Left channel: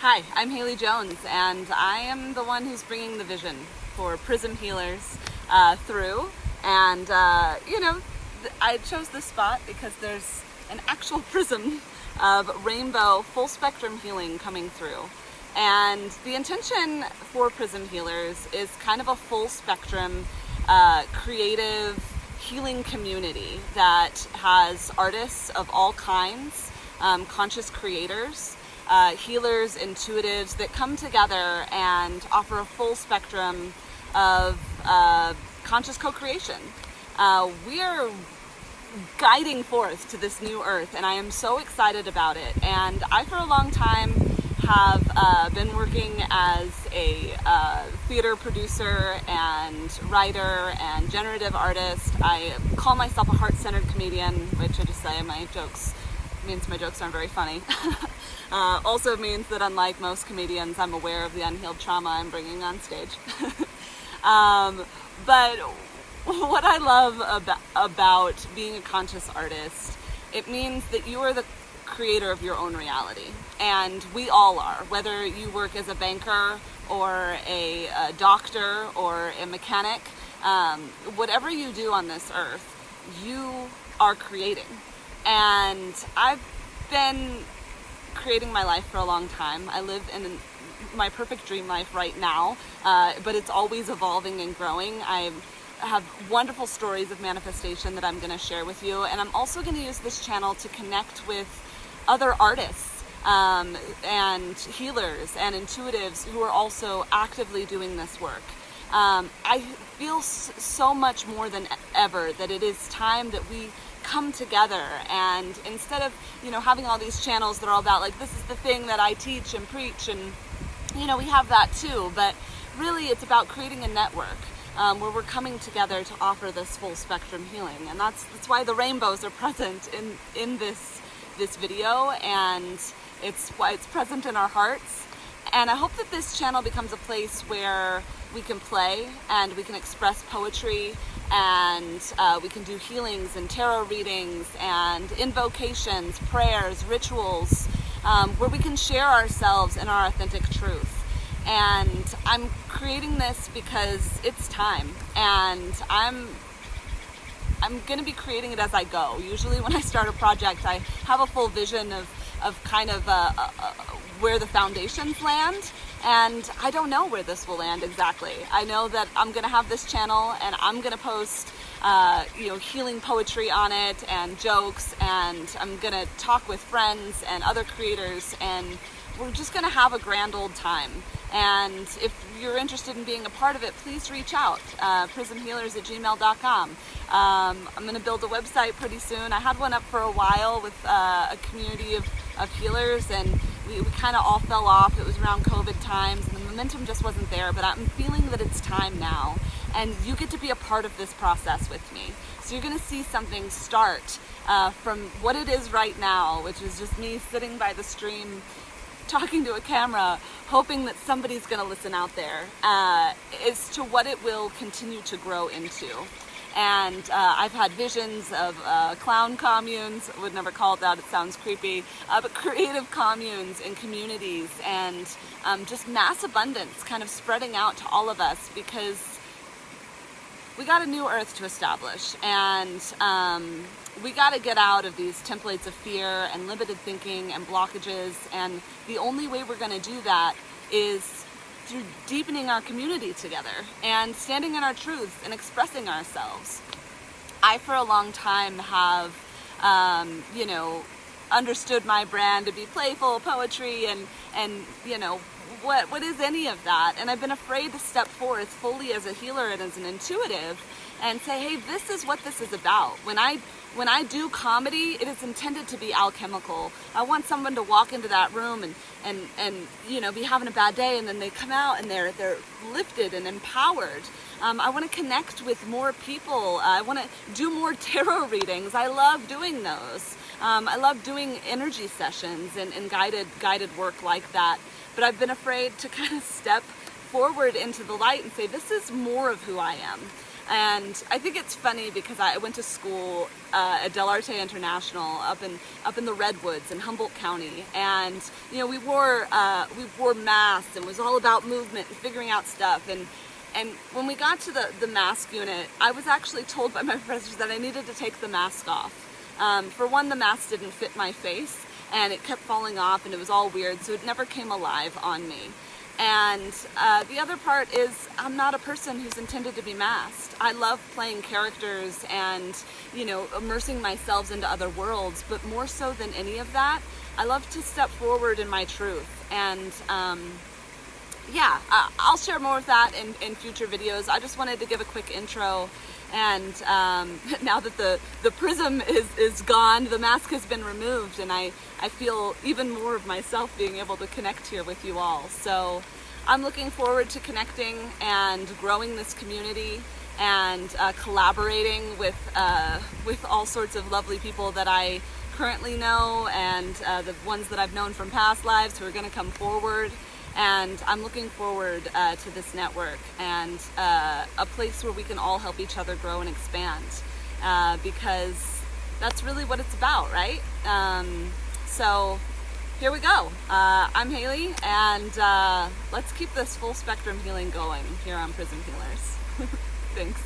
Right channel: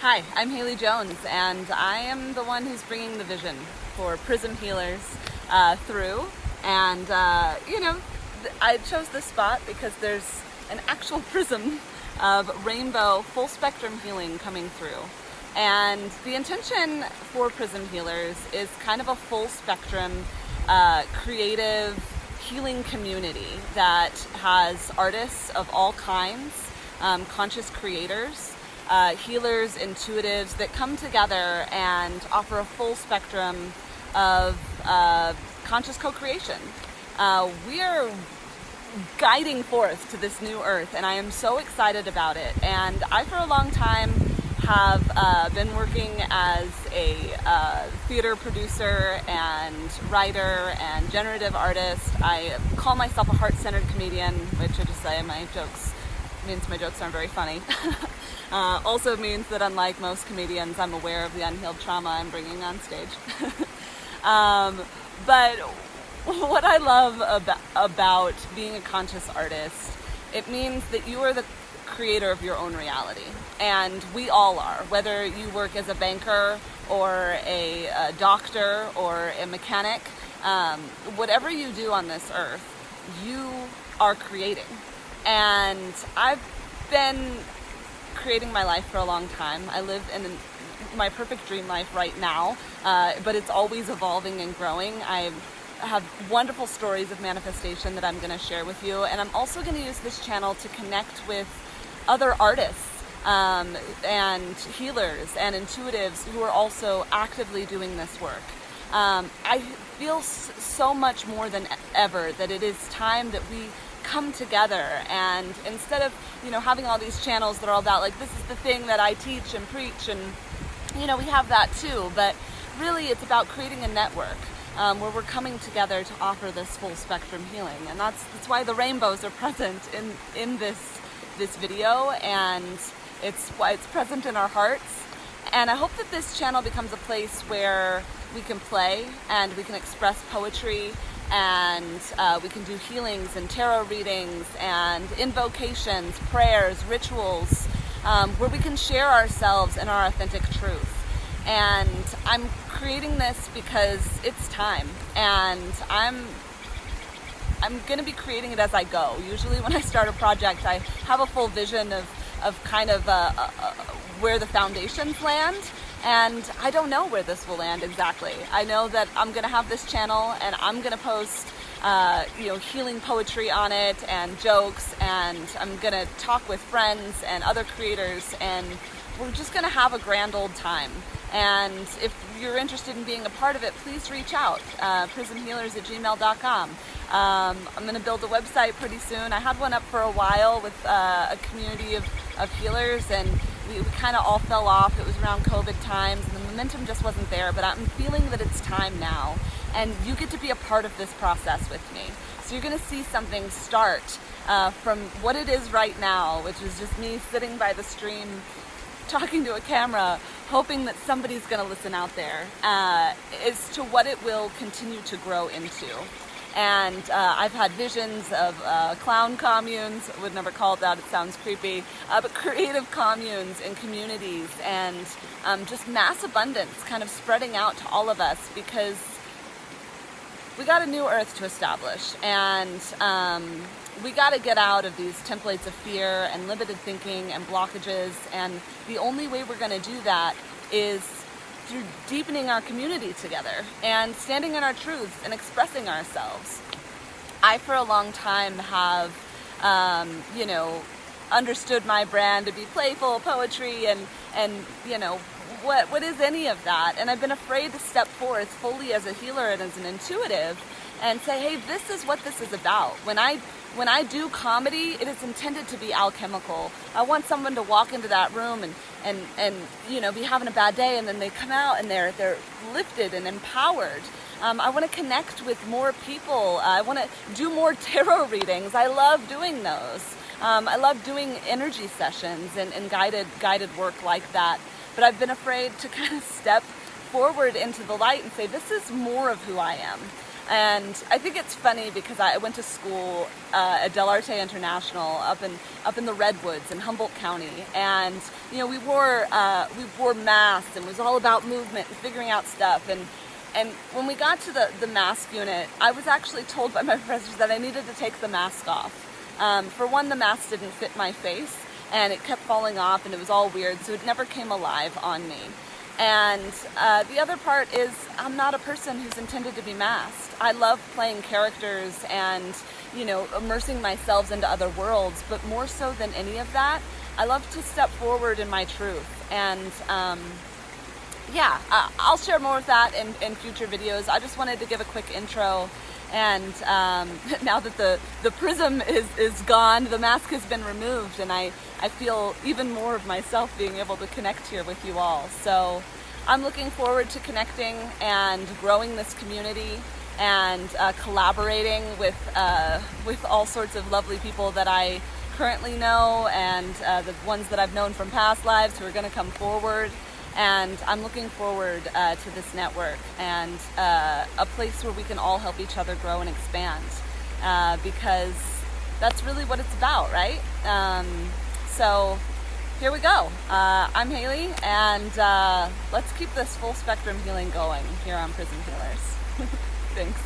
Hi, I'm Haley Jones, and I am the one who's bringing the vision for Prism Healers through. And, I chose this spot because there's an actual prism of rainbow full spectrum healing coming through. And the intention for Prism Healers is kind of a full spectrum creative healing community that has artists of all kinds, conscious creators, healers, intuitives that come together and offer a full spectrum of conscious co-creation. We are guiding forth to this new earth, and I am so excited about it. And I, for a long time, have been working as a theater producer and writer and generative artist. I call myself a heart-centered comedian, which I just say means my jokes aren't very funny. Also means that unlike most comedians, I'm aware of the unhealed trauma I'm bringing on stage. But what I love about being a conscious artist, it means that you are the creator of your own reality. And we all are, whether you work as a banker or a doctor or a mechanic, whatever you do on this earth, you are creating. And I've been creating my life for a long time. I live in my perfect dream life right now, but it's always evolving and growing. I have wonderful stories of manifestation that I'm going to share with you, and I'm also going to use this channel to connect with other artists and healers and intuitives who are also actively doing this work. I feel so much more than ever that it is time that we come together, and instead of having all these channels that are all about like, this is the thing that I teach and preach, and we have that too, but really it's about creating a network where we're coming together to offer this full spectrum healing. And that's why the rainbows are present in this video, and it's why it's present in our hearts. And I hope that this channel becomes a place where we can play and we can express poetry, and we can do healings and tarot readings and invocations, prayers, rituals, where we can share ourselves and our authentic truth. And I'm creating this because it's time, and I'm going to be creating it as I go. Usually when I start a project, I have a full vision of kind of where the foundations land, and I don't know where this will land exactly. I know that I'm going to have this channel, and I'm going to post healing poetry on it and jokes, and I'm going to talk with friends and other creators, and we're just going to have a grand old time. And if you're interested in being a part of it, please reach out, prismhealers@gmail.com. I'm going to build a website pretty soon. I had one up for a while with a community of healers, and we kind of all fell off. It was around COVID times, and the momentum just wasn't there, but I'm feeling that it's time now, and you get to be a part of this process with me. So you're going to see something start from what it is right now, which is just me sitting by the stream talking to a camera, hoping that somebody's going to listen out there, as to what it will continue to grow into. And I've had visions of clown communes. I would never call it that, it sounds creepy, but creative communes and communities, and just mass abundance kind of spreading out to all of us, because we got a new earth to establish, and we got to get out of these templates of fear and limited thinking and blockages, and the only way we're going to do that is through deepening our community together and standing in our truths and expressing ourselves. I, for a long time, have, understood my brand to be playful poetry and what is any of that? And I've been afraid to step forth fully as a healer and as an intuitive and say, hey, this is what this is about. When I do comedy, it is intended to be alchemical. I want someone to walk into that room and be having a bad day, and then they come out and they're lifted and empowered. I want to connect with more people. I want to do more tarot readings. I love doing those. I love doing energy sessions and guided work like that. But I've been afraid to kind of step forward into the light and say, this is more of who I am. And I think it's funny because I went to school at Del Arte International up in the Redwoods in Humboldt County, and you know we wore masks, and it was all about movement and figuring out stuff. And when we got to the mask unit, I was actually told by my professors that I needed to take the mask off. For one, the mask didn't fit my face, and it kept falling off, and it was all weird, so it never came alive on me. And the other part is I'm not a person who's intended to be masked. I love playing characters and, you know, immersing myself into other worlds, but more so than any of that, I love to step forward in my truth. And yeah, I'll share more of that in future videos. I just wanted to give a quick intro. And now that the prism is gone, the mask has been removed, and I feel even more of myself being able to connect here with you all. So I'm looking forward to connecting and growing this community and collaborating with all sorts of lovely people that I currently know, and the ones that I've known from past lives who are going to come forward. And I'm looking forward to this network and a place where we can all help each other grow and expand, because that's really what it's about, right? So here we go. I'm Haley, and let's keep this full spectrum healing going here on Prism Healers. Thanks.